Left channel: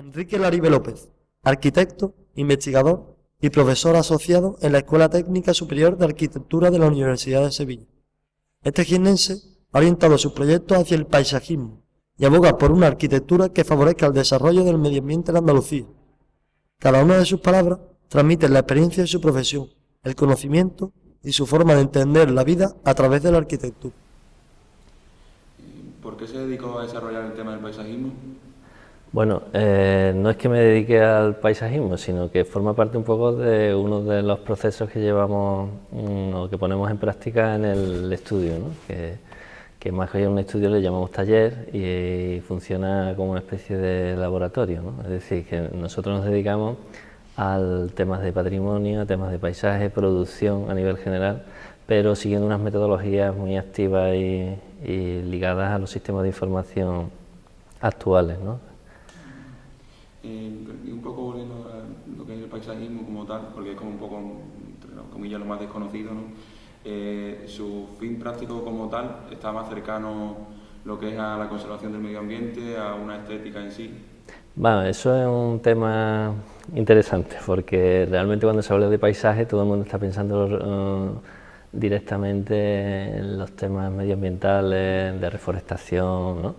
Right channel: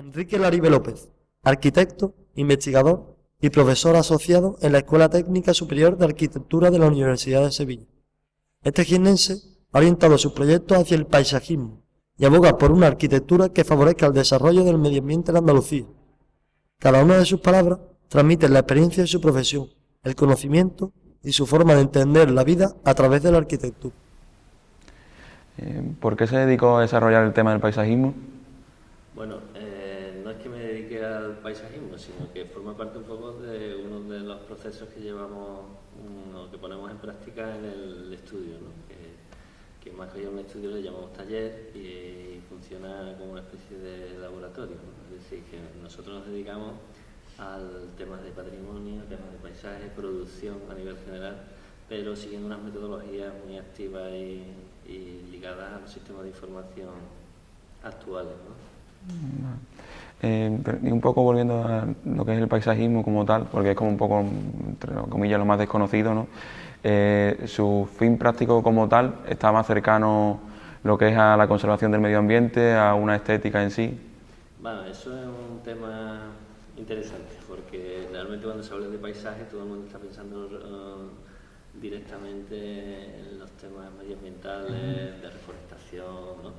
Enrique Laribe López, arquitecto, investigador y profesor asociado en la Escuela Técnica Superior de Arquitectura de la Universidad de Sevilla. Este jiennense ha orientado sus proyectos hacia el paisajismo y aboga por una arquitectura que favorezca el desarrollo del medio ambiente en Andalucía. Cada una de sus palabras transmite la experiencia de su profesión, el conocimiento y su forma de entender la vida a través de la arquitectura. ¿Por qué se dedicó a desarrollar el tema del paisajismo? Bueno, no es que me dedique al paisajismo, sino que forma parte un poco de uno de los procesos que llevamos o que ponemos en práctica en el estudio, ¿no? que más que un estudio le llamamos taller y funciona como una especie de laboratorio, ¿no? Es decir, que nosotros nos dedicamos a temas de patrimonio, a temas de paisaje, producción a nivel general, pero siguiendo unas metodologías muy activas y ligadas a los sistemas de información actuales, ¿no? Y un poco volviendo a lo que es el paisajismo como tal, porque es como un poco, entre comillas, lo más desconocido, ¿no? Su fin práctico como tal está más cercano lo que es a la conservación del medio ambiente, a una estética en sí. Bueno, eso es un tema interesante, porque realmente cuando se habla de paisaje todo el mundo está pensando directamente en los temas medioambientales, de reforestación, ¿no?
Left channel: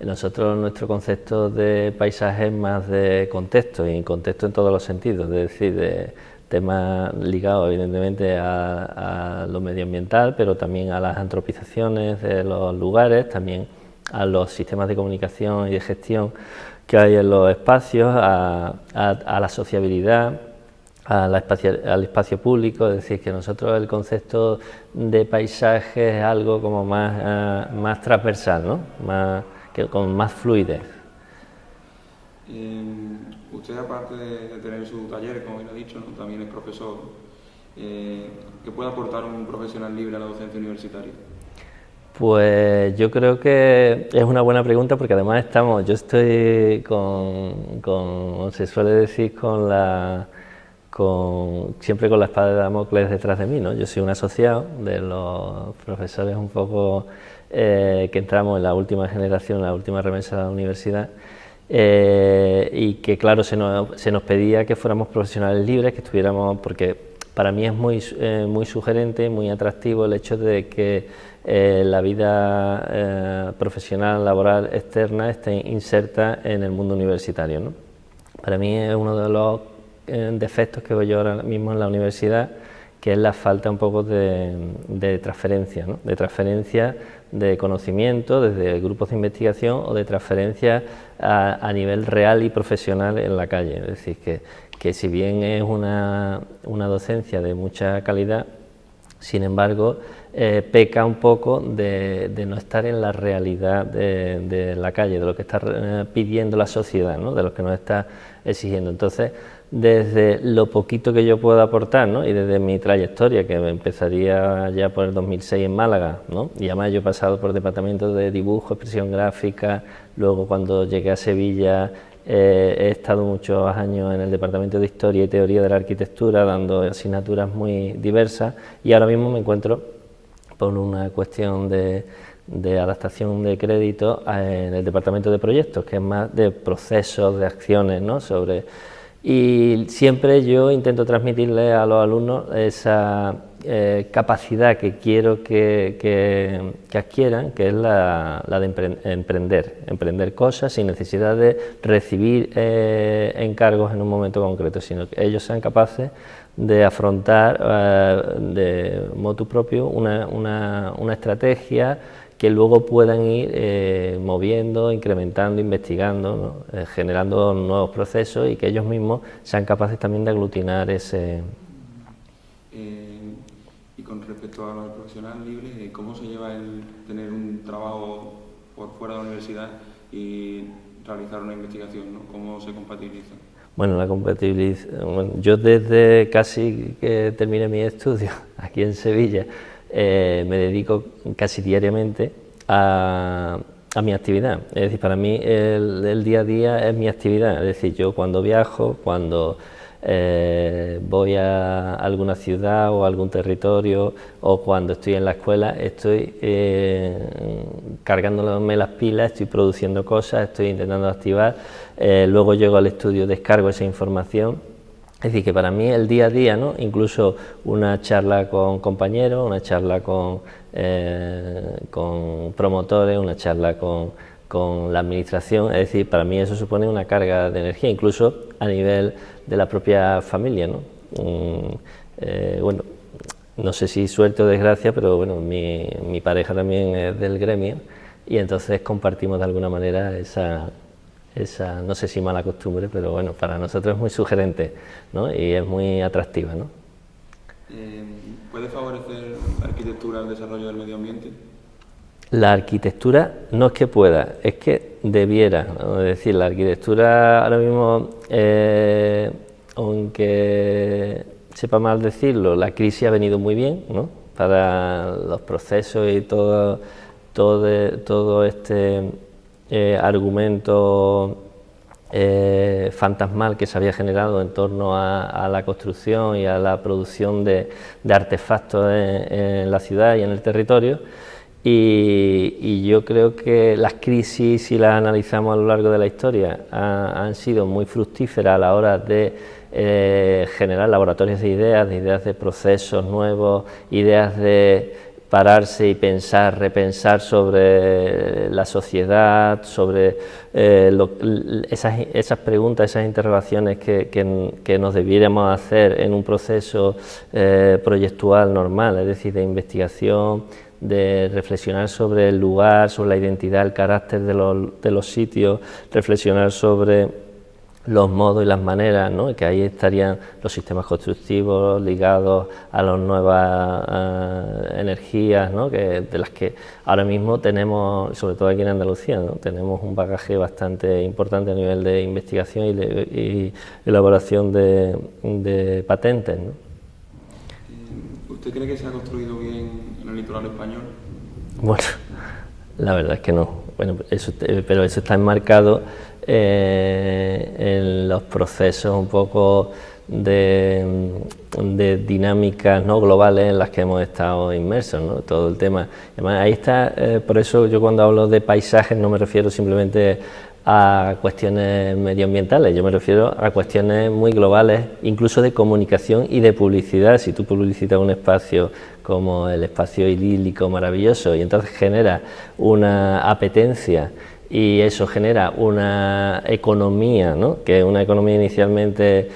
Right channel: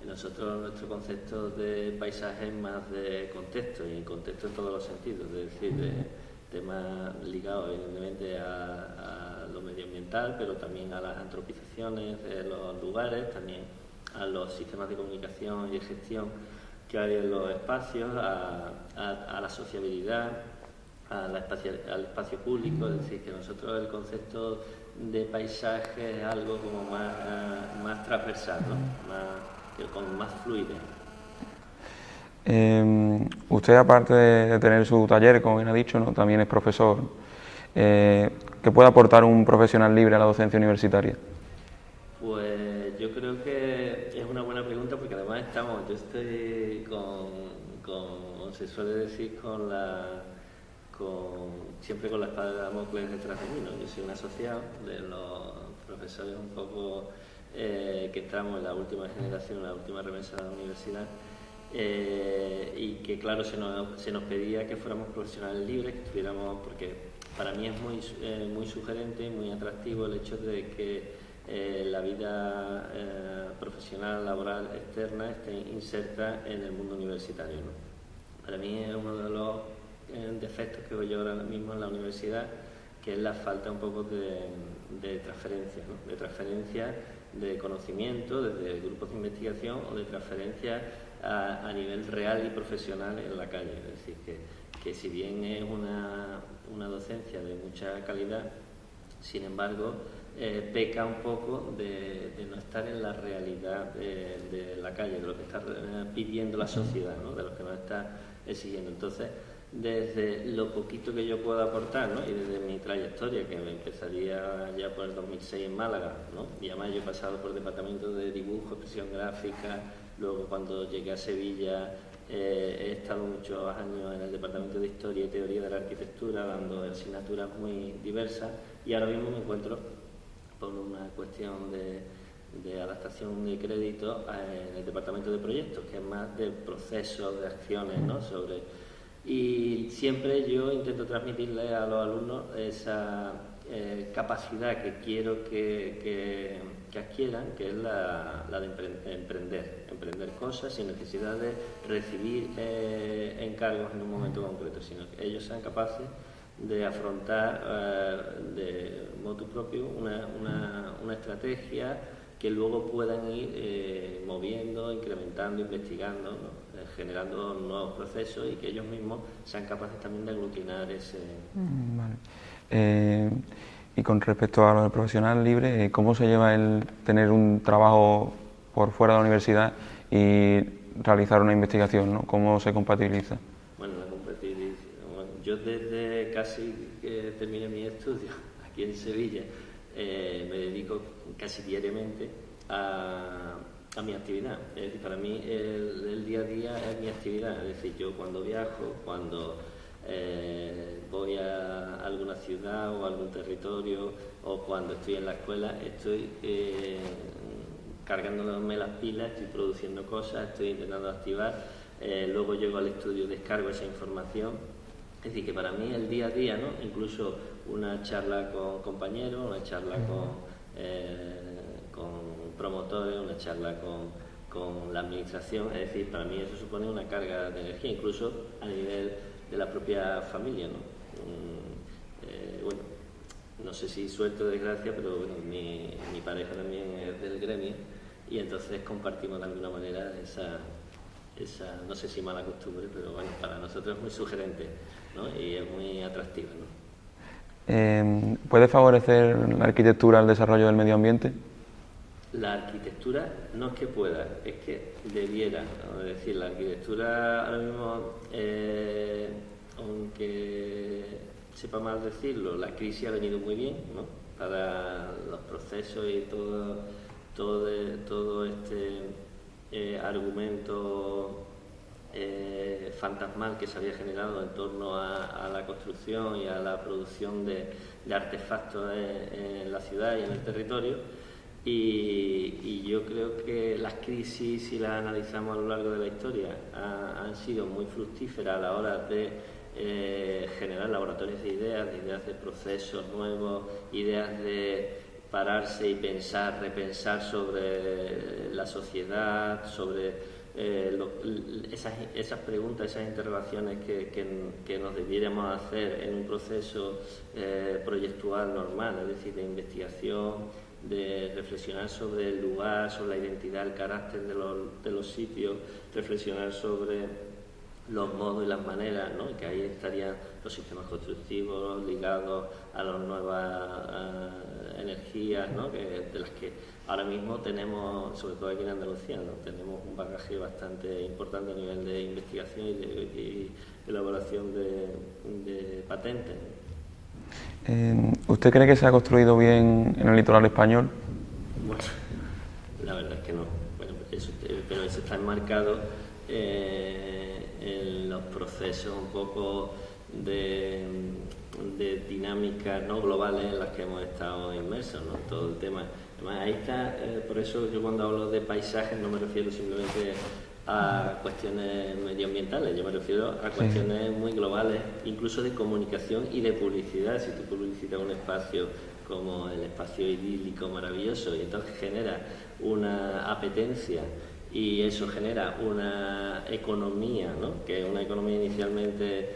Nosotros, nuestro concepto de paisaje es más de contexto, y contexto en todos los sentidos, es decir, de temas ligados evidentemente a lo medioambiental, pero también a las antropizaciones de los lugares, también a los sistemas de comunicación y de gestión que hay en los espacios, a la sociabilidad, al espacio público. Es decir, que nosotros el concepto de paisaje es algo como más transversal, ¿no? Con más fluidez. Usted, aparte de tener su taller, como bien ha dicho, ¿no?, también es profesor. ¿Qué puede aportar un profesional libre a la docencia universitaria? Pues yo creo que es una buena pregunta, porque además yo estoy como se suele decir, siempre con la espada de Damocles detrás de mí, ¿no? Yo soy un asociado de los profesores un poco que entramos en la última generación, la última remesa de la universidad, y que claro, se nos pedía que fuéramos profesionales libres, que estuviéramos, porque para mí es muy sugerente, muy atractivo el hecho de que la vida profesional, laboral, externa esté inserta en el mundo universitario, ¿no? Para mí es uno de los defectos que veo yo ahora mismo en la universidad, que es la falta un poco de transferencia, ¿no? De transferencia de conocimiento desde grupos de investigación o de transferencia a nivel real y profesional en la calle. Es decir, que si bien es una docencia de mucha calidad, sin embargo, peca un poco de no estar en la realidad de la calle, de lo que está pidiendo la sociedad, ¿no? De lo que nos está exigiendo. Entonces, desde lo poquito que yo puedo aportar, ¿no?, y desde mi trayectoria, que empezaría ya por el 2006 en Málaga, ¿no?, y además yo he pasado por departamentos de dibujo, expresión gráfica, luego cuando llegué a Sevilla he estado muchos años en el departamento de Historia y Teoría de la Arquitectura, dando asignaturas muy diversas, y ahora mismo me encuentro por una cuestión de adaptación de crédito en el departamento de proyectos, que es más de procesos, de acciones, ¿no?, y siempre yo intento transmitirle a los alumnos esa capacidad que quiero que adquieran, que es la de emprender cosas sin necesidad de recibir encargos en un momento concreto, sino que ellos sean capaces de afrontar de motu propio una estrategia que luego puedan ir moviendo, incrementando, investigando, ¿no?, generando nuevos procesos, y que ellos mismos sean capaces también de aglutinar ese... Y con respecto a lo del profesional libre, ¿cómo se lleva el tener un trabajo por fuera de la universidad y realizar una investigación, ¿no? ¿Cómo se compatibiliza? Bueno, yo desde casi que terminé mis estudios aquí en Sevilla, me dedico casi diariamente a mi actividad. Es decir, para mí el día a día es mi actividad. Es decir, yo cuando viajo, cuando voy a alguna ciudad o a algún territorio, o cuando estoy en la escuela estoy cargándome las pilas, estoy produciendo cosas, estoy intentando activar, luego llego al estudio, descargo esa información. Es decir, que para mí el día a día, ¿no? Incluso una charla con compañeros, una charla con promotores, una charla con la administración, es decir, para mí eso supone una carga de energía, incluso a nivel de la propia familia, ¿no? Bueno, no sé si suerte o desgracia, pero bueno, mi pareja también es del gremio y entonces compartimos de alguna manera esa, no sé si mala costumbre, pero bueno, para nosotros es muy sugerente, ¿no? Y es muy atractiva, ¿no? ¿Puede favorecer la arquitectura el desarrollo del medio ambiente? La arquitectura no es que pueda, es que debiera, ¿no? Es decir, la arquitectura ahora mismo, aunque sepa mal decirlo, la crisis ha venido muy bien, ¿no? Para los procesos y todo este argumento fantasmal que se había generado en torno a la construcción y a la producción de artefactos en la ciudad y en el territorio. Y yo creo que las crisis, si las analizamos a lo largo de la historia, han sido muy fructíferas a la hora de generar laboratorios de ideas de procesos nuevos, ideas de pararse y pensar, repensar sobre la sociedad, sobre esas preguntas, esas interrogaciones que nos debiéramos hacer en un proceso proyectual normal, es decir, de investigación, de reflexionar sobre el lugar, sobre la identidad, el carácter de los sitios, reflexionar sobre los modos y las maneras, ¿no? Y que ahí estarían los sistemas constructivos ligados a las nuevas energías, ¿no? De las que ahora mismo tenemos, sobre todo aquí en Andalucía, ¿no? Tenemos un bagaje bastante importante a nivel de investigación y elaboración de patentes, ¿no? ¿Usted cree que se ha construido bien en el litoral español? Bueno, la verdad es que no. Bueno, pero eso está enmarcado en los procesos un poco de dinámicas, ¿no? Globales en las que hemos estado inmersos, ¿no? Todo el tema. Además, ahí está, por eso yo cuando hablo de paisajes no me refiero simplemente a cuestiones medioambientales, yo me refiero a cuestiones muy globales, incluso de comunicación y de publicidad. Si tú publicitas un espacio como el espacio idílico maravilloso y entonces genera una apetencia y eso genera una economía, ¿no? Que es una economía inicialmente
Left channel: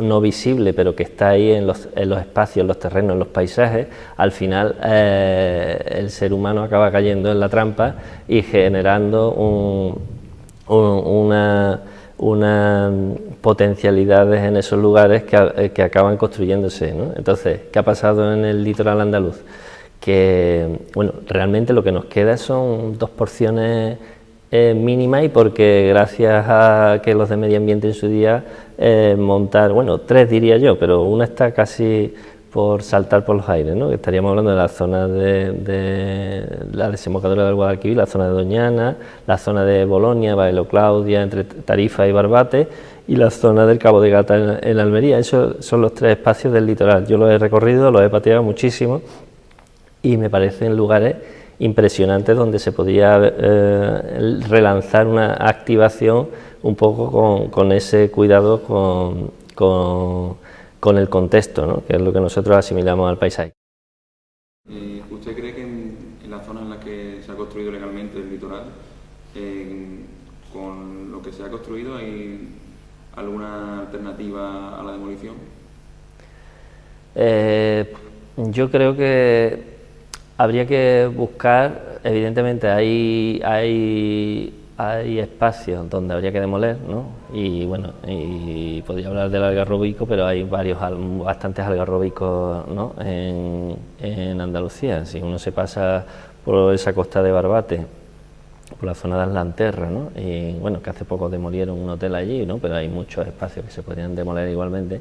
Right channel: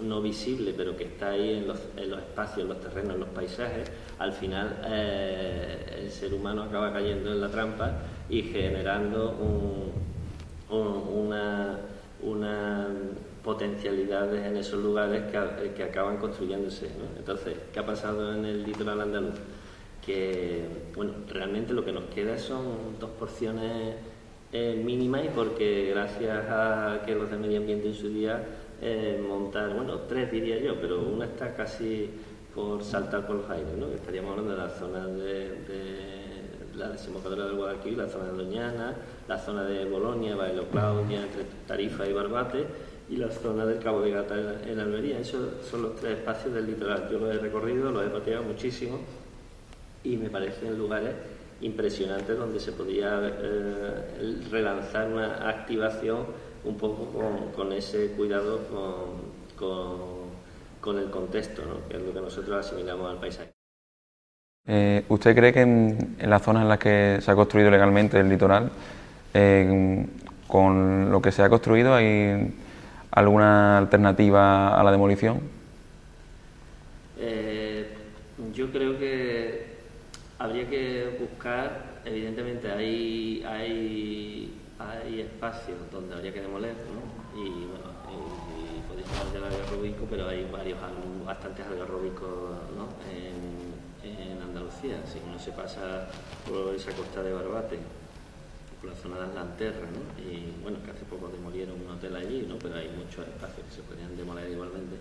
no visible, pero que está ahí en los espacios, en los terrenos, en los paisajes, al final el ser humano acaba cayendo en la trampa y generando unas potencialidades en esos lugares que acaban construyéndose, ¿no? Entonces, ¿qué ha pasado en el litoral andaluz? Que, bueno, realmente lo que nos queda son dos porciones mínimas y porque gracias a que los de medio ambiente en su día montar, bueno, tres diría yo, pero una está casi por saltar por los aires, ¿no? Que estaríamos hablando de la zona de la desembocadura del Guadalquivir, la zona de Doñana, la zona de Bolonia, Baelo Claudia, entre Tarifa y Barbate, y la zona del Cabo de Gata en Almería. Esos son los tres espacios del litoral. Yo los he recorrido, los he pateado muchísimo y me parecen lugares impresionantes donde se podía relanzar una activación un poco con ese cuidado con el contexto, ¿no? Que es lo que nosotros asimilamos al paisaje. ¿Usted cree que en las zonas en las que se ha construido legalmente el litoral, con lo que se ha construido, hay alguna alternativa a la demolición? Yo creo que habría que buscar, evidentemente hay espacios donde habría que demoler, ¿no? Y bueno, y podría hablar del algarrobico, pero hay bastantes algarrobicos, ¿no? en Andalucía. Si uno se pasa por esa costa de Barbate, por la zona de Aslanterra, ¿no? Y bueno, que hace poco demolieron un hotel allí, ¿no? Pero hay muchos espacios que se podrían demoler igualmente.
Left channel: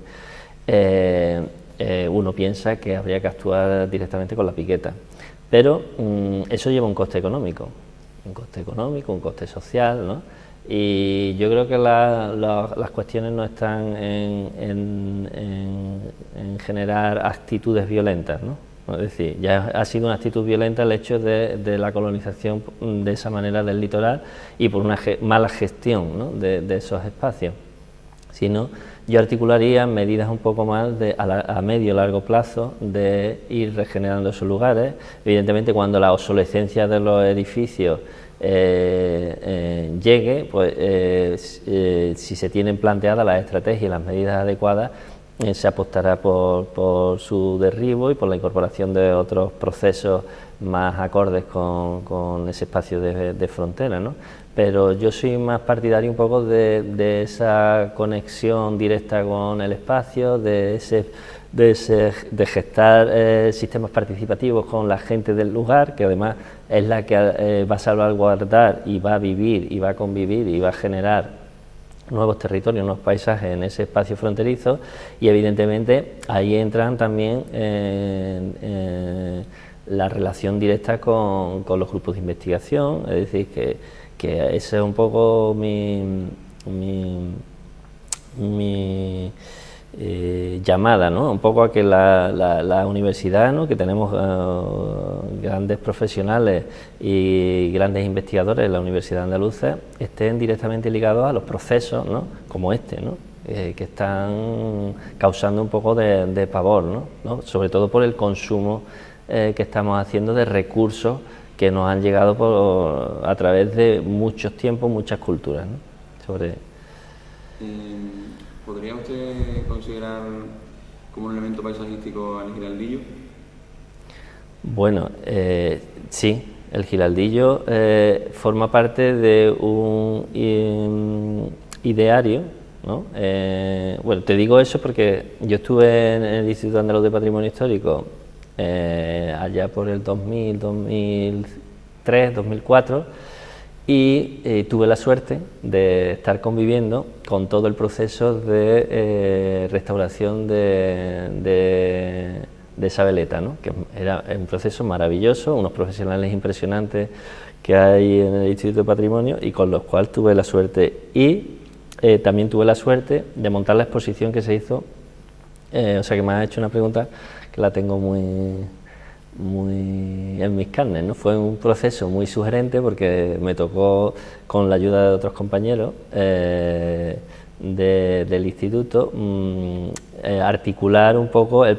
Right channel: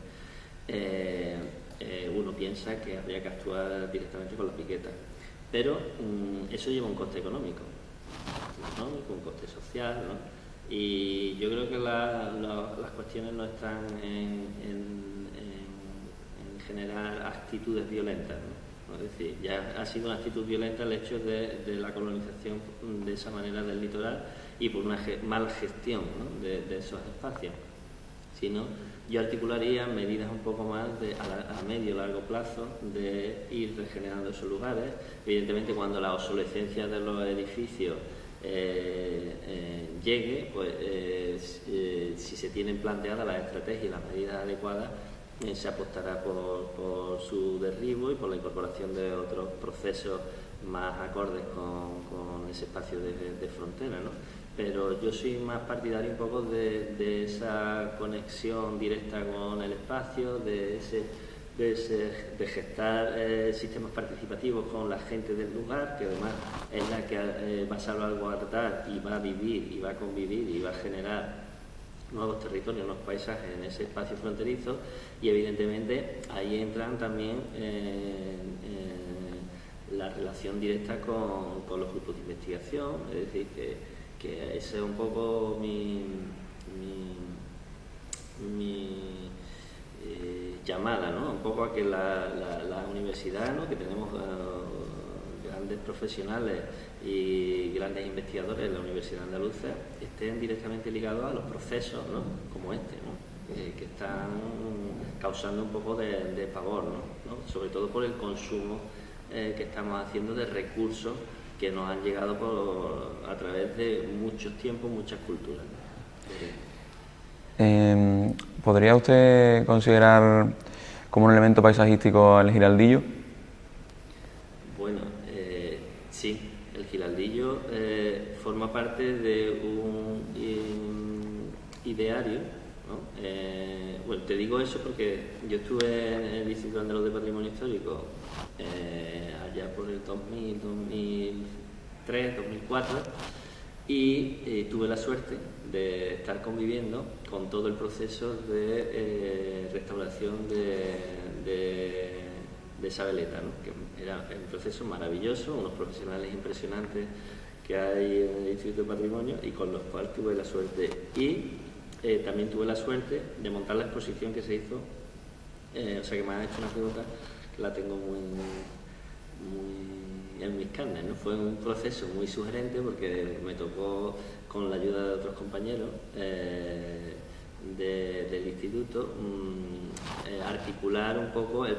Uno piensa que habría que actuar directamente con la piqueta, pero eso lleva un coste económico, un coste social, ¿no? Y yo creo que las cuestiones no están en generar actitudes violentas, ¿no? Es decir, ya ha sido una actitud violenta el hecho de la colonización de esa manera del litoral y por una mala gestión, ¿no?, de esos espacios. Sino, yo articularía medidas un poco más a medio y largo plazo de ir regenerando esos lugares. Evidentemente, cuando la obsolescencia de los edificios llegue, pues si se tienen planteadas las estrategias y las medidas adecuadas, se apostará por su derribo y por la incorporación de otros procesos más acordes con ese espacio de frontera, ¿no? Pero yo soy más partidario un poco de esa conexión directa con el espacio, de gestar sistemas participativos con la gente del lugar, que además es la que va a salvaguardar y va a vivir y va a convivir y va a generar nuevos territorios, nuevos paisajes en ese espacio fronterizo, y evidentemente ahí entran también la relación directa con los grupos de investigación, es decir, que ese es un poco mi llamada, ¿no?, un poco a que la universidad, ¿no?, que tenemos grandes profesionales y grandes investigadores en la Universidad Andaluza, estén directamente ligados a los procesos, ¿no?, como este, ¿no?, que están causando un poco de pavor, ¿no?, sobre todo por el consumo que estamos haciendo de recursos que nos han llegado a través de muchos tiempos, muchas culturas, ¿no? ¿Podría usted considerar como un elemento paisajístico el Giraldillo? Bueno, sí, el Giraldillo forma parte de un ideario, ¿no? Bueno, te digo eso porque yo estuve en el Instituto Andaluz de Patrimonio Histórico allá por el 2000, 2003, 2004, y tuve la suerte de estar conviviendo con todo el proceso de restauración de esa veleta, ¿no?, que era un proceso maravilloso, unos profesionales impresionantes que hay en el Instituto de Patrimonio y con los cuales tuve la suerte. Y también tuve la suerte de montar la exposición que se hizo, o sea que me has hecho una pregunta que la tengo muy en mis carnes, ¿no? Fue un proceso muy sugerente porque me tocó, con la ayuda de otros compañeros del instituto, articular un poco el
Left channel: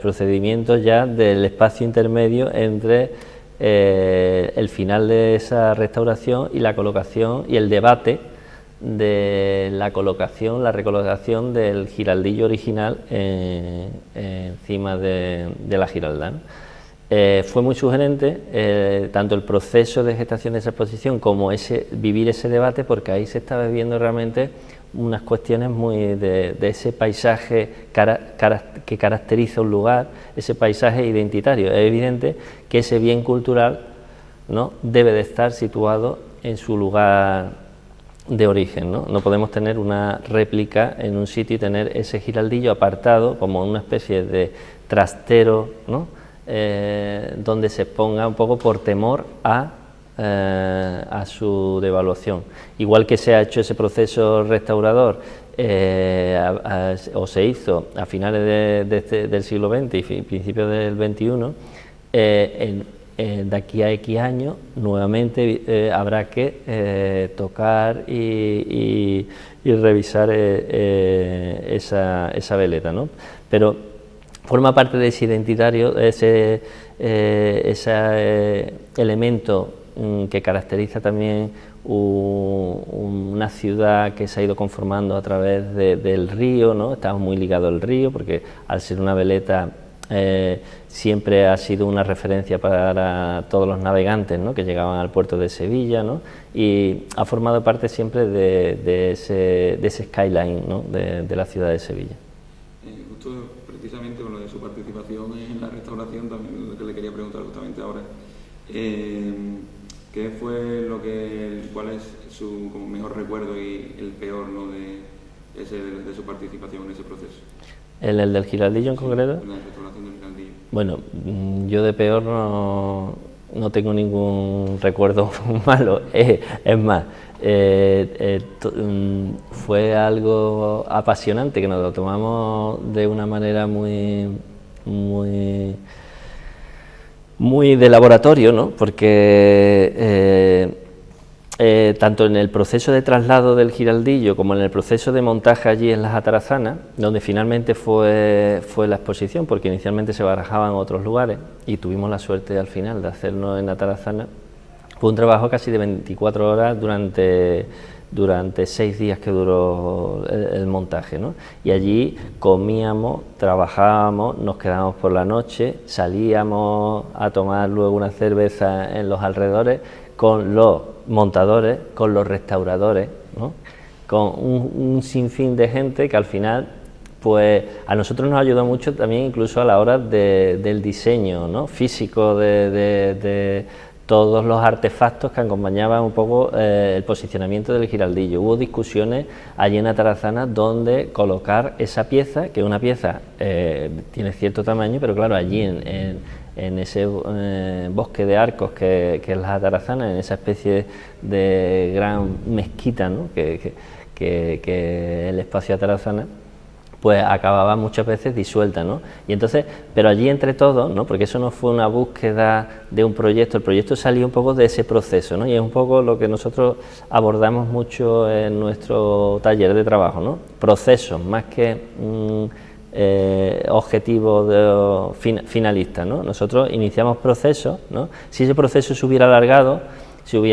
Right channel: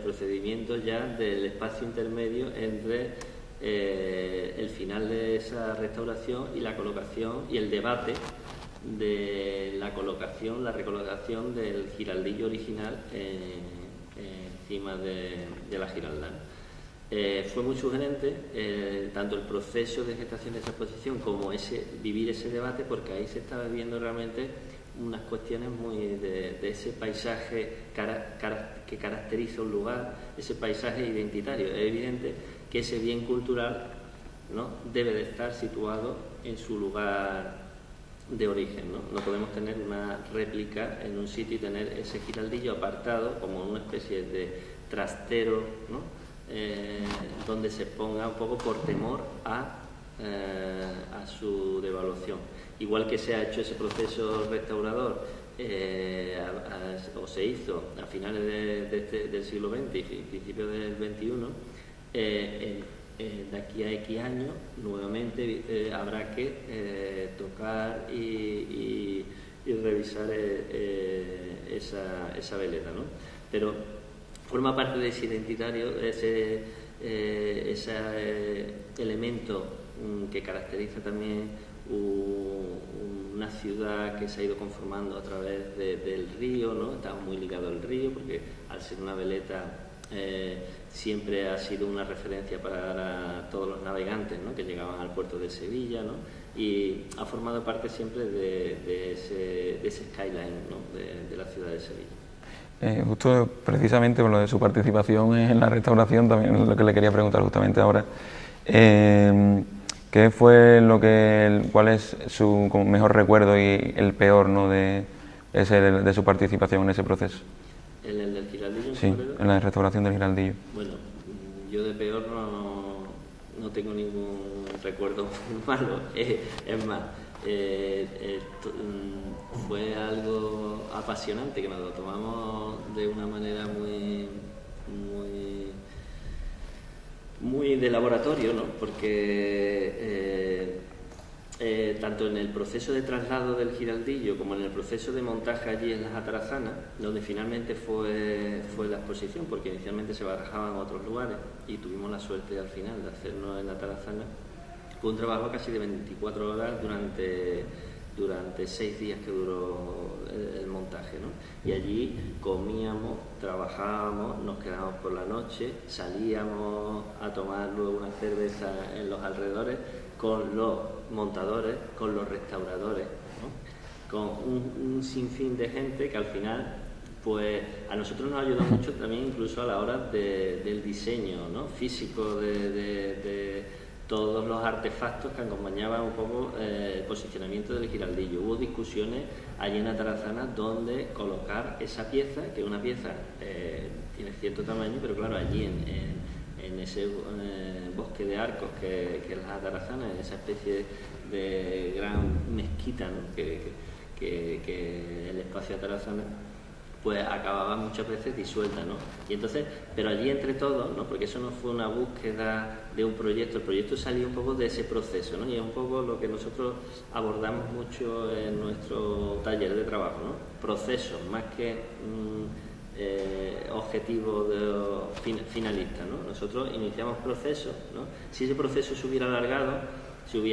procedimiento ya del espacio intermedio entre el final de esa restauración y la colocación y el debate de la colocación, la recolocación del giraldillo original encima de la giralda, ¿no? Fue muy sugerente tanto el proceso de gestación de esa exposición como vivir ese debate, porque ahí se estaba viendo realmente unas cuestiones muy de ese paisaje que caracteriza un lugar, ese paisaje identitario. Es evidente que ese bien cultural, ¿no?, debe de estar situado en su lugar de origen, ¿no? No podemos tener una réplica en un sitio y tener ese giraldillo apartado como una especie de trastero, ¿no?, donde se exponga un poco por temor a su devaluación. Igual que se ha hecho ese proceso restaurador o se hizo a finales del siglo XX y principios del XXI, de aquí a X años nuevamente habrá que tocar y revisar esa veleta, ¿no? Pero forma parte de ese identitario, ese elemento que caracteriza también una ciudad que se ha ido conformando a través del río, ¿no? Estamos muy ligados al río porque al ser una veleta siempre ha sido una referencia para todos los navegantes, ¿no?, que llegaban al puerto de Sevilla, ¿no?, y ha formado parte siempre de ese skyline, ¿no?, de la ciudad de Sevilla. Justo precisamente por lo de su participación en la restauración, también lo que le quería preguntar justamente ahora, ¿qué fue cuál es su mejor recuerdo y el peor, ¿no?, de su participación en ese proceso? ¿El del giraldillo en concreto? En la restauración del giraldillo. Bueno, yo de peor no tengo ningún recuerdo malo. Es más, fue algo apasionante, que nos lo tomamos de una manera muy de laboratorio, ¿no? Porque tanto en el proceso de traslado del Giraldillo como en el proceso de montaje allí en las Atarazanas, donde finalmente fue la exposición, porque inicialmente se barajaba en otros lugares y tuvimos la suerte al final de hacerlo en Atarazana, fue un trabajo casi de 24 horas durante 6 días que duró el montaje, ¿no? Y allí comíamos, trabajábamos, nos quedábamos por la noche, salíamos a tomar luego una cerveza en los alrededores con los montadores, con los restauradores, ¿no? Con un sinfín de gente que al final, pues a nosotros nos ayudó mucho también incluso a la hora del diseño, ¿no? Físico de todos los artefactos que acompañaban un poco el posicionamiento del Giraldillo. Hubo discusiones allí en Atarazana donde colocar esa pieza, que una pieza tiene cierto tamaño, pero claro, allí en ese bosque de arcos que es las Atarazanas, en esa especie de gran mezquita, ¿no? que el espacio Atarazana, pues acababa muchas veces disuelta, ¿no? Y entonces, pero allí entre todos, ¿no? Porque eso no fue una búsqueda de un proyecto, el proyecto salió un poco de ese proceso, ¿no? Y es un poco lo que nosotros abordamos mucho en nuestro taller de trabajo, ¿no? Procesos, más que objetivos finalistas, ¿no? Nosotros iniciamos procesos, ¿no? Si ese proceso se hubiera alargado, yo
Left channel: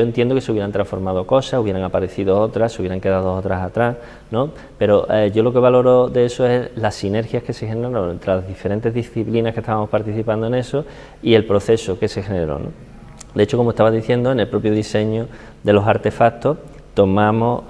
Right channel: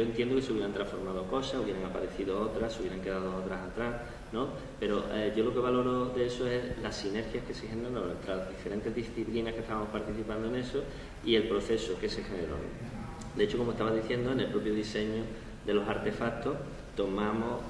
entiendo que se hubieran transformado cosas, hubieran aparecido otras, se hubieran quedado otras atrás, ¿no? Pero yo lo que valoro de eso es las sinergias que se generaron entre las diferentes disciplinas que estábamos participando en eso y el proceso que se generó, ¿no? De hecho, como estaba diciendo, en el propio diseño de los artefactos tomamos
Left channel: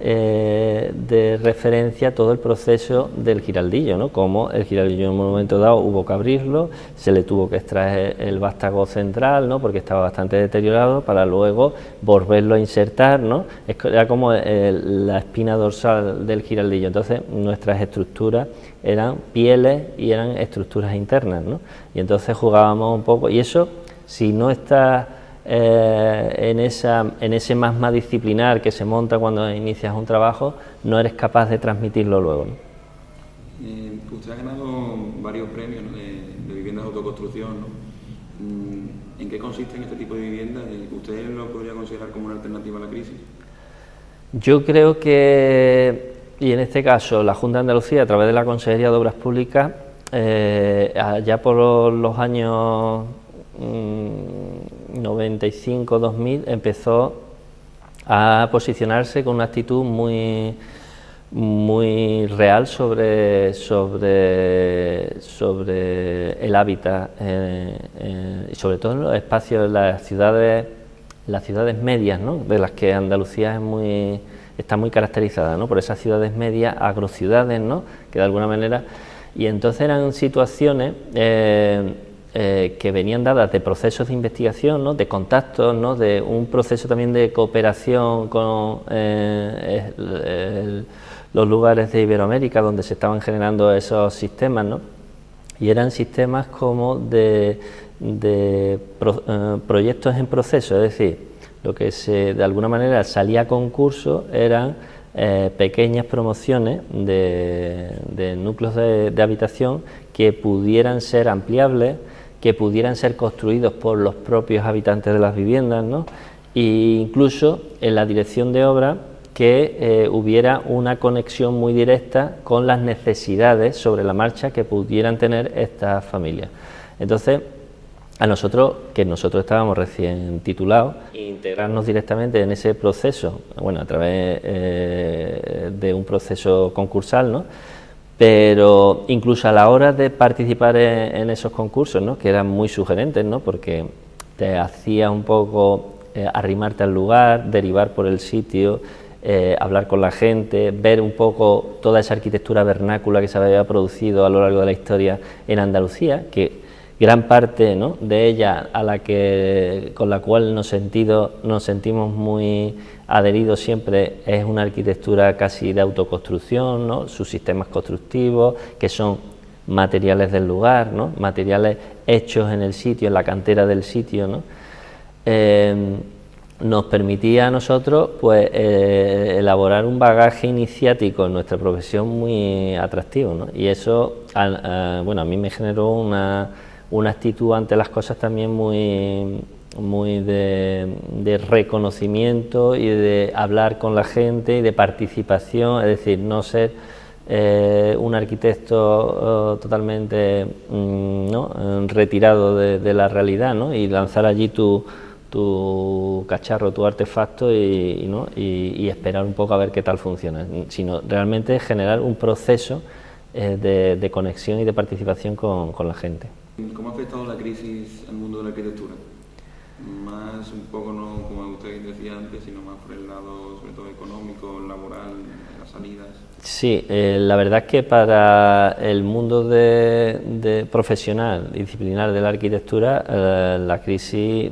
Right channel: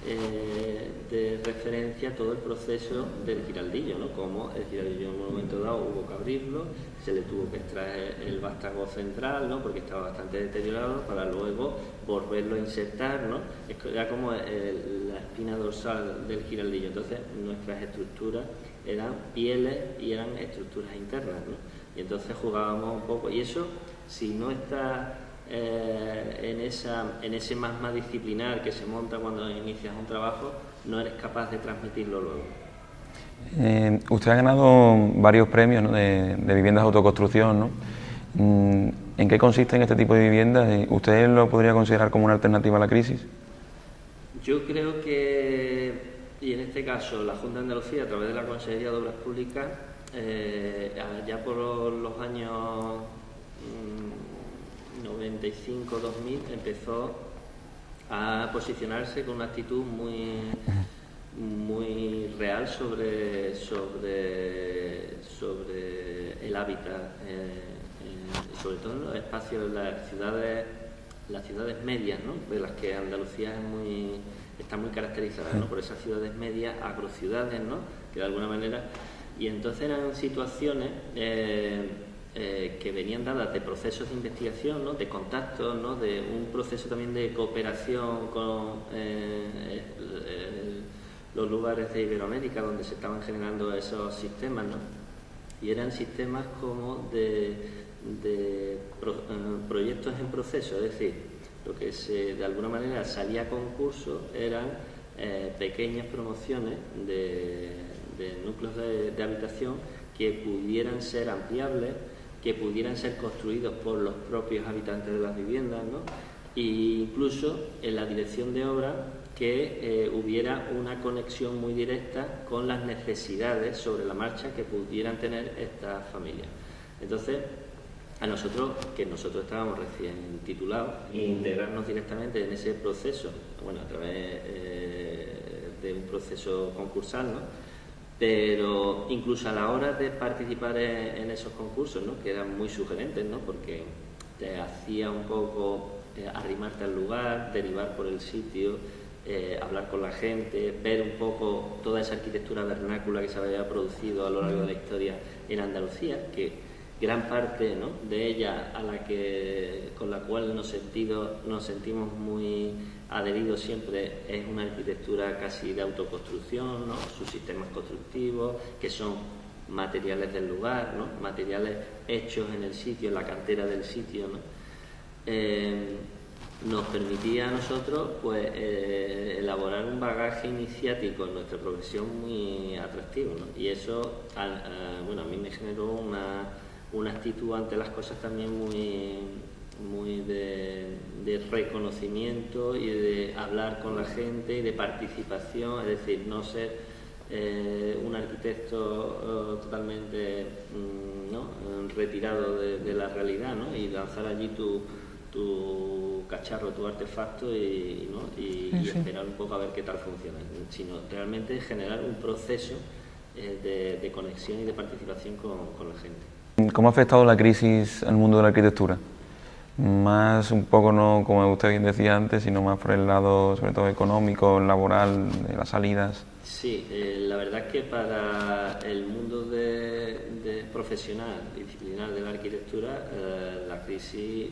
de referencia todo el proceso del Giraldillo, ¿no? Como el Giraldillo en un momento dado hubo que abrirlo, se le tuvo que extraer el vástago central, ¿no? Porque estaba bastante deteriorado, para luego volverlo a insertar, ¿no? Era como la espina dorsal del Giraldillo. Entonces nuestras estructuras eran pieles y eran estructuras internas, ¿no? Y entonces jugábamos un poco, y eso, si no está en ese magma disciplinar que se monta cuando inicias un trabajo, no eres capaz de transmitirlo luego, ¿no? Usted ha ganado varios premios, ¿no? de viviendas de autoconstrucción, ¿no? ¿En qué consisten este tipo de viviendas? ¿Usted lo podría considerar como una alternativa a la crisis? Yo creo que, y en este caso la Junta de Andalucía, a través de la Consejería de Obras Públicas, ya por los años 95-2000 empezó a posicionarse con una actitud muy real sobre el hábitat, y sobre todo en los espacios de las ciudades medias, ¿no? De las que Andalucía está muy caracterizada, ¿no? Por esas ciudades medias, agrociudades, ¿no? Que de alguna manera, y entonces eran situaciones que venían dadas de procesos de investigación, ¿no? De contactos, ¿no? De un proceso también de cooperación con los lugares de Iberoamérica donde se estaban generando esos sistemas, ¿no? Y eran sistemas como de proyectos en proceso, es decir, lo que de alguna manera salía a concurso eran pequeñas promociones de núcleos de habitación que pudieran ser ampliables, que pudieran ser construidos por los propios habitantes de las viviendas, ¿no? E incluso en la dirección de obra que hubiera una conexión muy directa con las necesidades sobre la marcha que pudieran tener estas familias. Entonces, nosotros estábamos recién titulados, integrarnos directamente en ese proceso, bueno, a través de un proceso concursal, ¿no? Pero incluso a la hora de participar en esos concursos, ¿no? Que eran muy sugerentes, ¿no? Porque te hacía un poco arrimarte al lugar, derivar por el sitio, hablar con la gente, ver un poco toda esa arquitectura vernácula que se había producido a lo largo de la historia en Andalucía, que gran parte, ¿no? De ella con la cual nos sentimos muy adheridos siempre, es una arquitectura casi de autoconstrucción, ¿no? Sus sistemas constructivos, que son materiales del lugar, ¿no? Materiales hechos en el sitio, en la cantera del sitio, ¿no? nos permitía a nosotros pues elaborar un bagaje iniciático en nuestra profesión muy atractivo, ¿no? Y eso bueno, a mí me generó una actitud ante las cosas también muy de reconocimiento y de hablar con la gente y de participación, es decir, no ser un arquitecto totalmente ¿no? retirado de la realidad, ¿no? Y lanzar allí tu cacharro, tu artefacto y esperar un poco a ver qué tal funciona, sino realmente generar un proceso de conexión y de participación con la gente. ¿Cómo ha afectado la crisis al mundo de la arquitectura? Más un poco, no como usted bien decía antes, sino más por el lado sobre todo económico, laboral, las salidas. Sí, la verdad es que para el mundo de profesional, disciplinar de la arquitectura, la crisis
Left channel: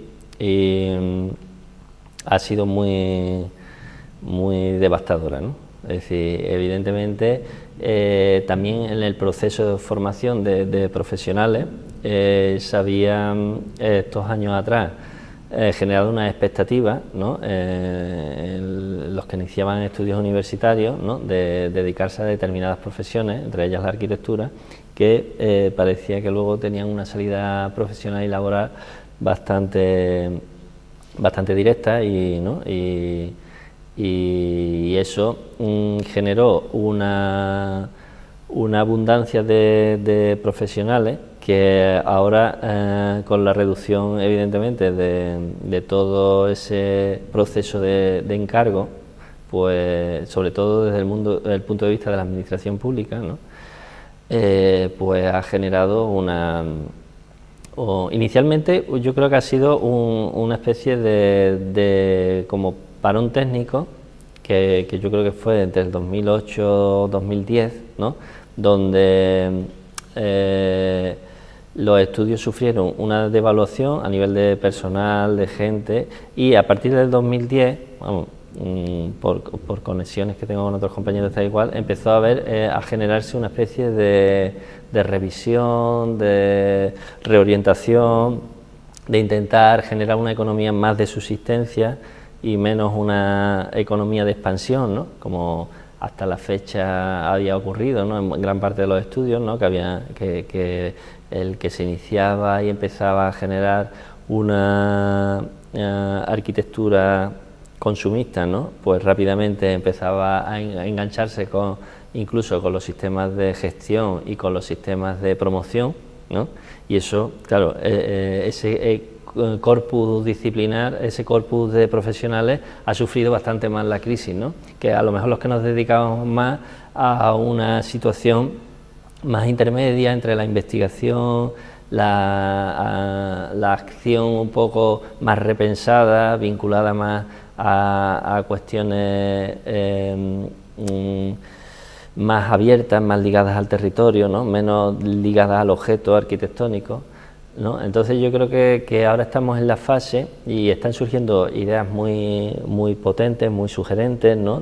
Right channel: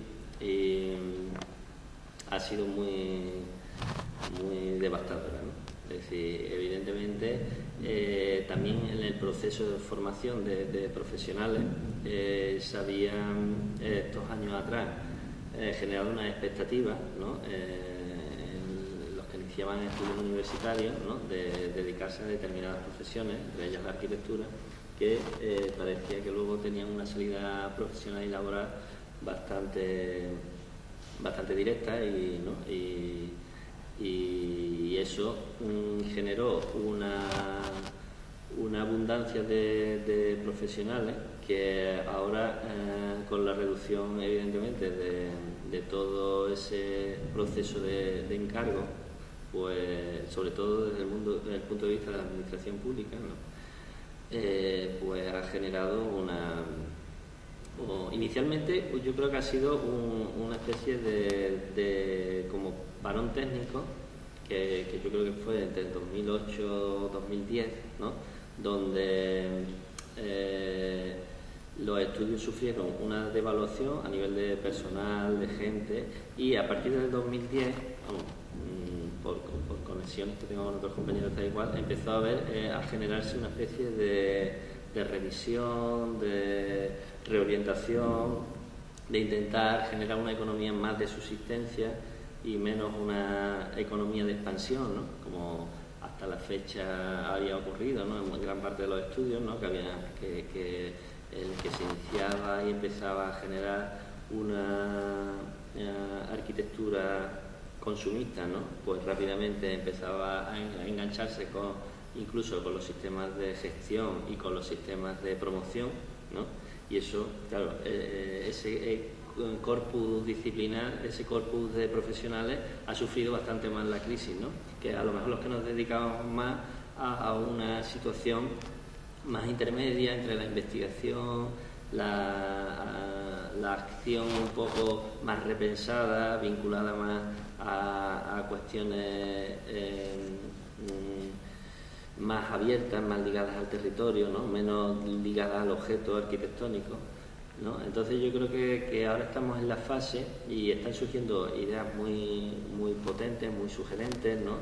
ha sido muy devastadora, ¿no? Es decir, evidentemente también en el proceso de formación de profesionales se habían estos años atrás generado una expectativa, ¿no? Los que iniciaban estudios universitarios, ¿no? de dedicarse a determinadas profesiones, entre ellas la arquitectura, que parecía que luego tenían una salida profesional y laboral bastante directa ¿no? y eso generó una abundancia de profesionales que ahora con la reducción evidentemente de todo ese proceso de encargo, pues sobre todo desde el punto de vista de la administración pública, ¿no? Pues ha generado inicialmente yo creo que ha sido una especie de como parón técnico que yo creo que fue entre el 2008-2010, ¿no? Donde los estudios sufrieron una devaluación a nivel de personal, de gente, y a partir del 2010, vamos, por conexiones que tengo con otros compañeros tal igual, empezó a generarse una especie de revisión, de reorientación, de intentar generar una economía más de subsistencia y menos una economía de expansión, ¿no? Como hasta la fecha había ocurrido, ¿no? En gran parte de los estudios, ¿no? que el que se iniciaba y empezaba a generar una arquitectura consumista, ¿no? Pues rápidamente empezaba a engancharse incluso con los sistemas de gestión y con los sistemas de promoción, ¿no? Y eso, claro, ese corpus disciplinar, ese corpus de profesionales ha sufrido bastante más la crisis, ¿no? Que a lo mejor los que nos dedicamos más a una situación más intermedia entre la investigación, la acción un poco más repensada, vinculada más a cuestiones más abiertas, más ligadas al territorio, ¿no? Menos ligadas al objeto arquitectónico, ¿no? Entonces yo creo que ahora estamos en la fase y están surgiendo ideas muy potentes, muy sugerentes, ¿no?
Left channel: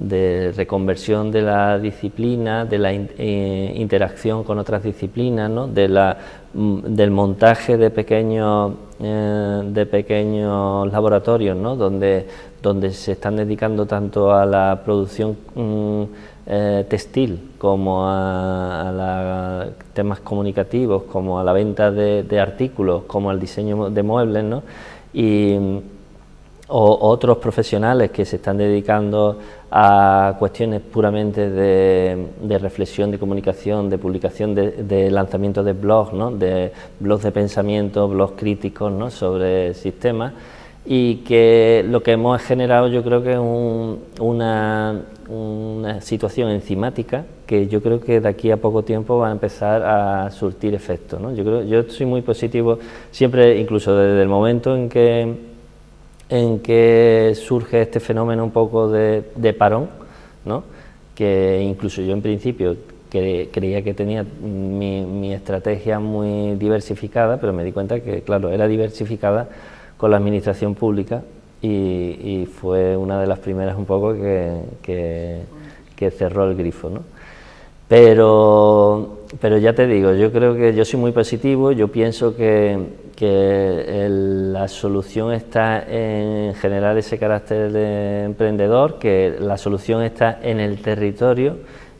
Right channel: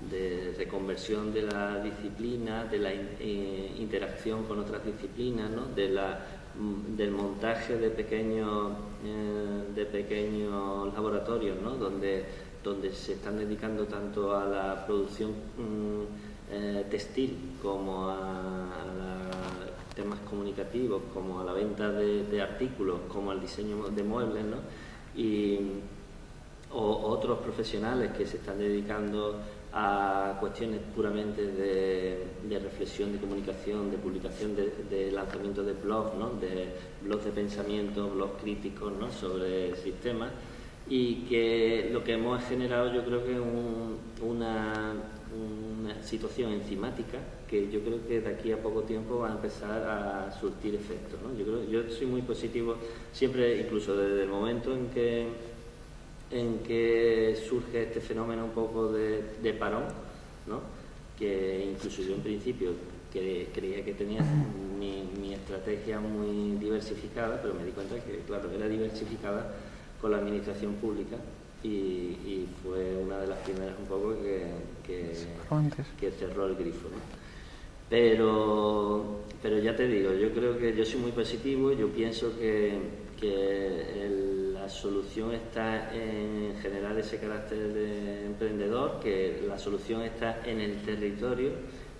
de reconversión de la disciplina, de la interacción con otras disciplinas, ¿no? Del montaje de pequeños laboratorios, ¿no? donde se están dedicando tanto a la producción textil como a temas comunicativos, como a la venta de artículos, como al diseño de muebles, ¿no? O otros profesionales que se están dedicando a cuestiones puramente de reflexión, de comunicación, de publicación, de lanzamiento de blogs, ¿no? De blogs de pensamiento, blogs críticos, ¿no? Sobre sistemas, y que lo que hemos generado yo creo que es una situación enzimática que yo creo que de aquí a poco tiempo va a empezar a surtir efecto, ¿no? Yo soy muy positivo siempre, incluso desde el momento en que surge este fenómeno un poco de parón, ¿no? Que incluso yo en principio creía que tenía mi estrategia muy diversificada, pero me di cuenta que, claro, era diversificada con la administración pública y fue una de las primeras un poco que cerró el grifo, ¿no? Pero ya te digo, yo creo que yo soy muy positivo, yo pienso que la solución está en generar ese carácter de emprendedor, que la solución está en el territorio,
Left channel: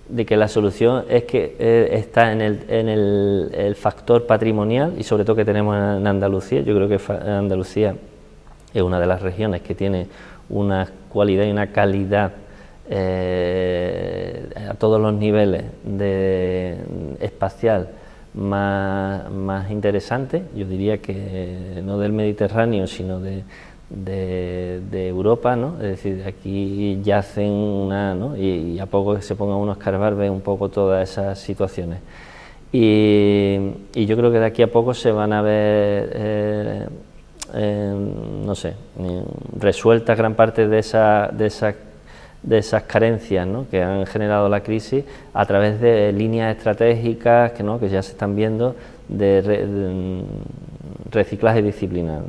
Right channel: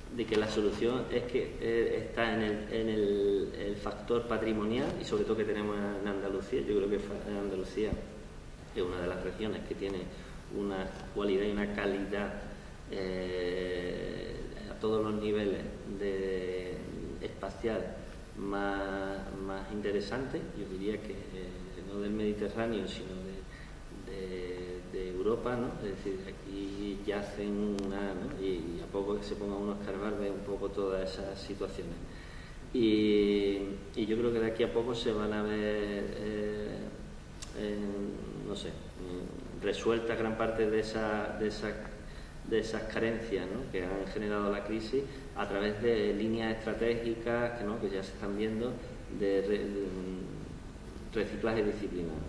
de que la solución es que está en el factor patrimonial y sobre todo que tenemos en Andalucía. Yo creo que Andalucía es una de las regiones que tiene una cualidad y una calidad a todos los niveles espacial más interesante, yo diría que no del Mediterráneo, sino de Europa, ¿no? Es decir, aquí yacen ¿no? y a poco que se ponga uno a escarbar ve un poco todas esas situaciones. Y yo creo que de aquí a poco se van a ver, no sé, resueltas gran parte de esas carencias, ¿no? Que han generado la crisis a través de líneas estratégicas que ya se están viendo de reciclaje disciplinar, ¿no?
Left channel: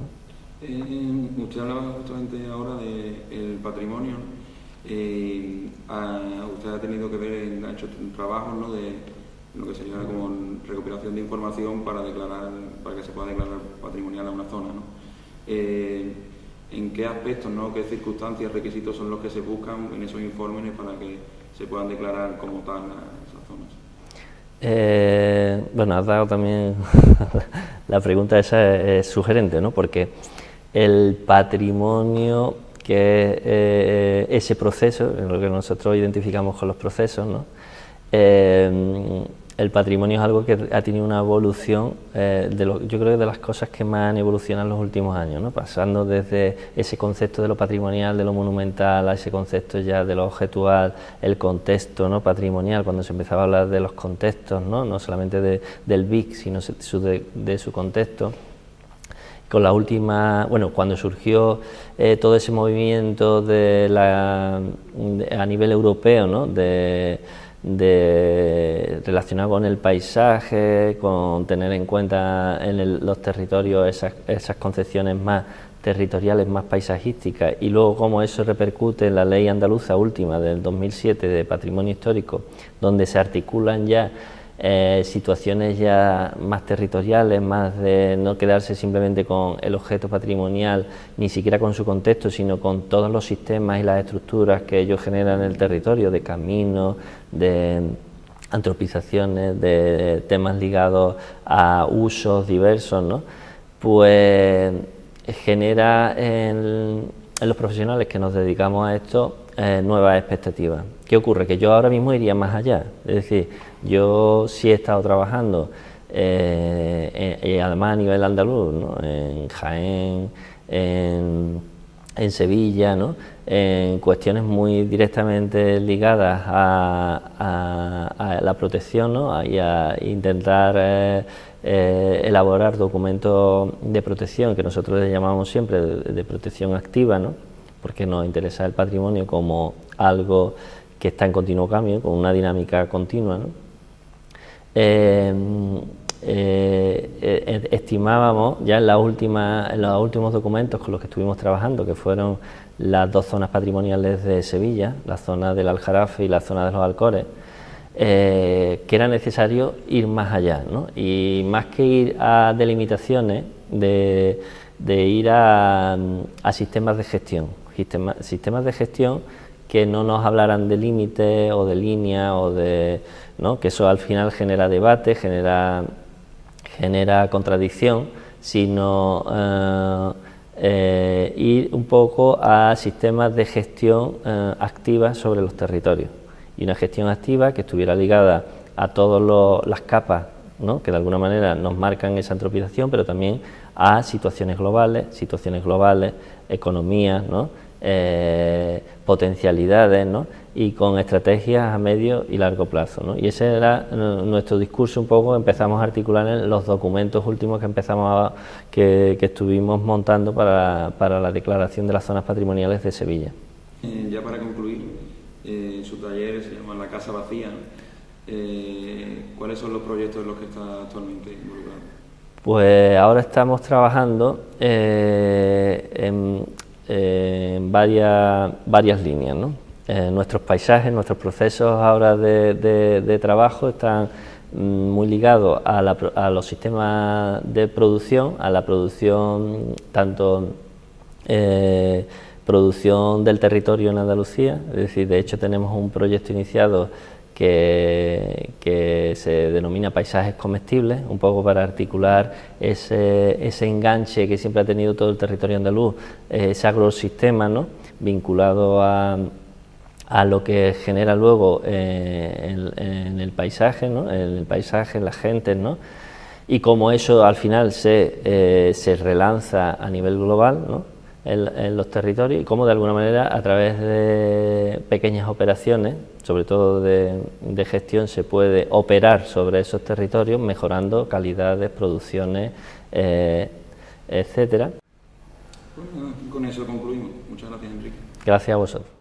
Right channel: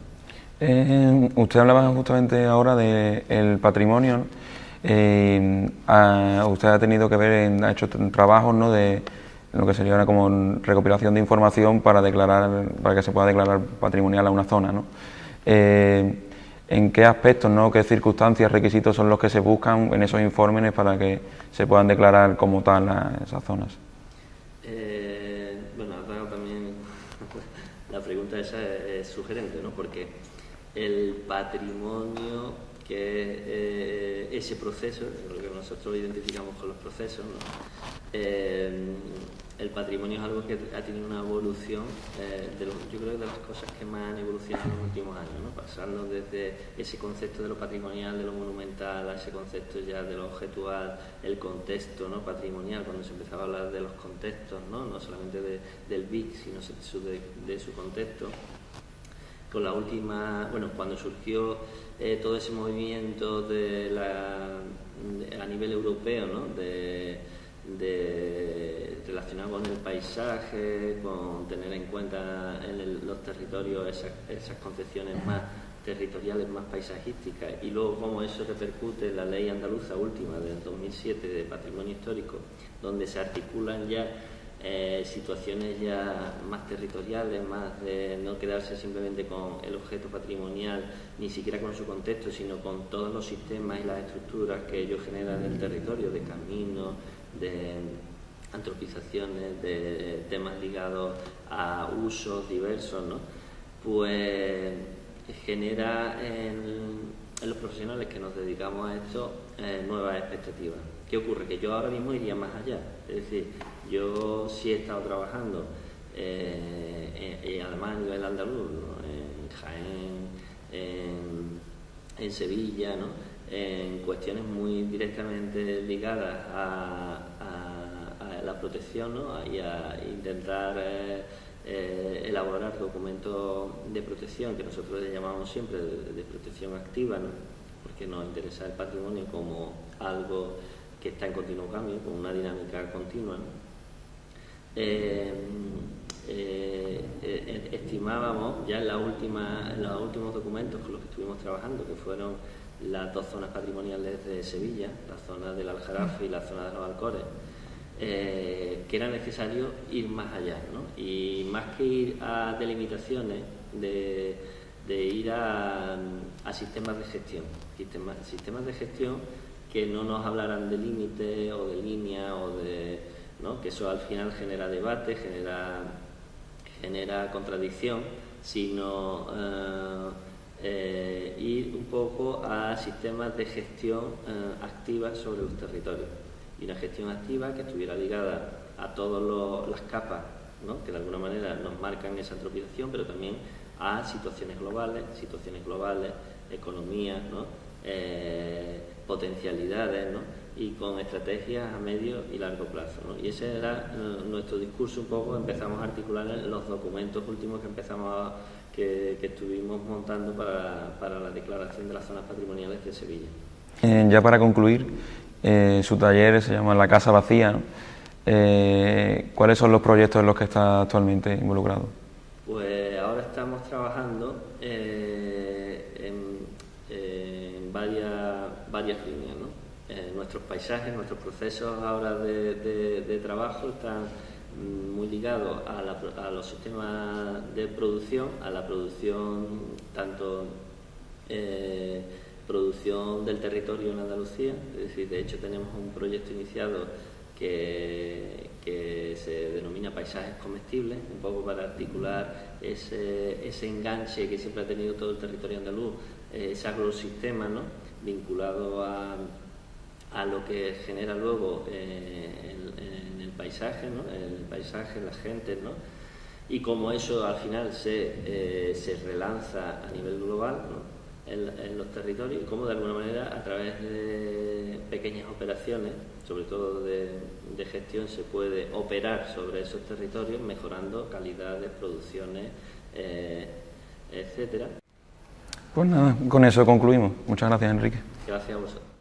Usted hablaba justamente ahora del patrimonio, ¿no? Usted ha tenido que ver, ha hecho trabajos, ¿no? de lo que sería ahora como recopilación de información para que se pueda declarar patrimonial a una zona, ¿no? ¿En qué aspectos, ¿no? qué circunstancias, requisitos son los que se buscan en esos informes para que se puedan declarar como tal esas zonas? Bueno, has dado también la pregunta esa es sugerente, ¿no? Porque el patrimonio, que es ese proceso, en lo que nosotros identificamos con los procesos, ¿no? El patrimonio es algo que ha tenido una evolución, yo creo que de las cosas que más han evolucionado en los últimos años, ¿no? Pasando desde ese concepto de lo patrimonial, de lo monumental, a ese concepto ya de lo objetual, el contexto, ¿no? patrimonial, cuando se empezaba a hablar de los contextos, no solamente del BIC, sino de su contexto. Con la última, bueno, cuando surgió todo ese movimiento a nivel europeo, ¿no? relacionado con el paisaje, con tener en cuenta en los territorios esas concepciones más territoriales, más paisajísticas, y luego cómo eso repercute en la ley andaluza última del 2007 de patrimonio histórico, donde se articulan ya situaciones ya más territoriales, más de no quedarse simplemente con el objeto patrimonial, ni siquiera con su contexto, sino con todos los sistemas y las estructuras que ellos generan en el territorio, de caminos, de antropizaciones, de temas ligados a usos diversos, ¿no? Pues genera en los profesionales que nos dedicamos a esto nuevas expectativas. ¿Qué ocurre? Que yo ahora mismo iría más allá, es decir, yo sí he estado trabajando y además a nivel andaluz, ¿no? En Jaén, en Sevilla, ¿no? En cuestiones muy directamente ligadas a la protección, ¿no? Y a intentar elaborar documentos de protección, que nosotros le llamamos siempre de protección activa, ¿no? Porque nos interesa el patrimonio como algo que está en continuo cambio, con una dinámica continua, ¿no? Estimábamos ya en los últimos documentos con los que estuvimos trabajando, que fueron las dos zonas patrimoniales de Sevilla, la zona del Aljarafe y la zona de los Alcores, que era necesario ir más allá, ¿no? Y más que ir a delimitaciones, de ir a sistemas de gestión, que no nos hablaran de límites o de línea o de, ¿no? Que eso al final genera debate, genera contradicción, sino ir un poco a sistemas de gestión activa sobre los territorios, y una gestión activa que estuviera ligada a todas las capas, ¿no? Que de alguna manera nos marcan esa antropización, pero también a situaciones globales, economías, ¿no? Potencialidades, ¿no? Y con estrategias a medio y largo plazo, ¿no? Y ese era nuestro discurso un poco. Empezamos a articular en los documentos últimos que estuvimos montando para la declaración de las zonas patrimoniales de Sevilla. Ya para concluir, su taller se llama La Casa Vacía, ¿no? ¿Cuáles son los proyectos en los que está actualmente involucrado? Pues ahora estamos trabajando en varias líneas, ¿no? Nuestros paisajes, nuestros procesos ahora de trabajo están muy ligado a los sistemas de producción, a la producción tanto producción del territorio en Andalucía, es decir, de hecho tenemos un proyecto iniciado que se denomina paisajes comestibles, un poco para articular ese enganche que siempre ha tenido todo el territorio andaluz, ese agrosistema, ¿no?, vinculado a lo que genera luego en el paisaje, ¿no?, en el paisaje, las gentes, ¿no?, y cómo eso al final se relanza a nivel global, ¿no?, en los territorios, y cómo de alguna manera a través de pequeñas operaciones, sobre todo de gestión, se puede operar sobre esos territorios mejorando calidades, producciones, etcétera. Pues nada, con eso concluimos. Muchas gracias, Enrique. Gracias a vosotros.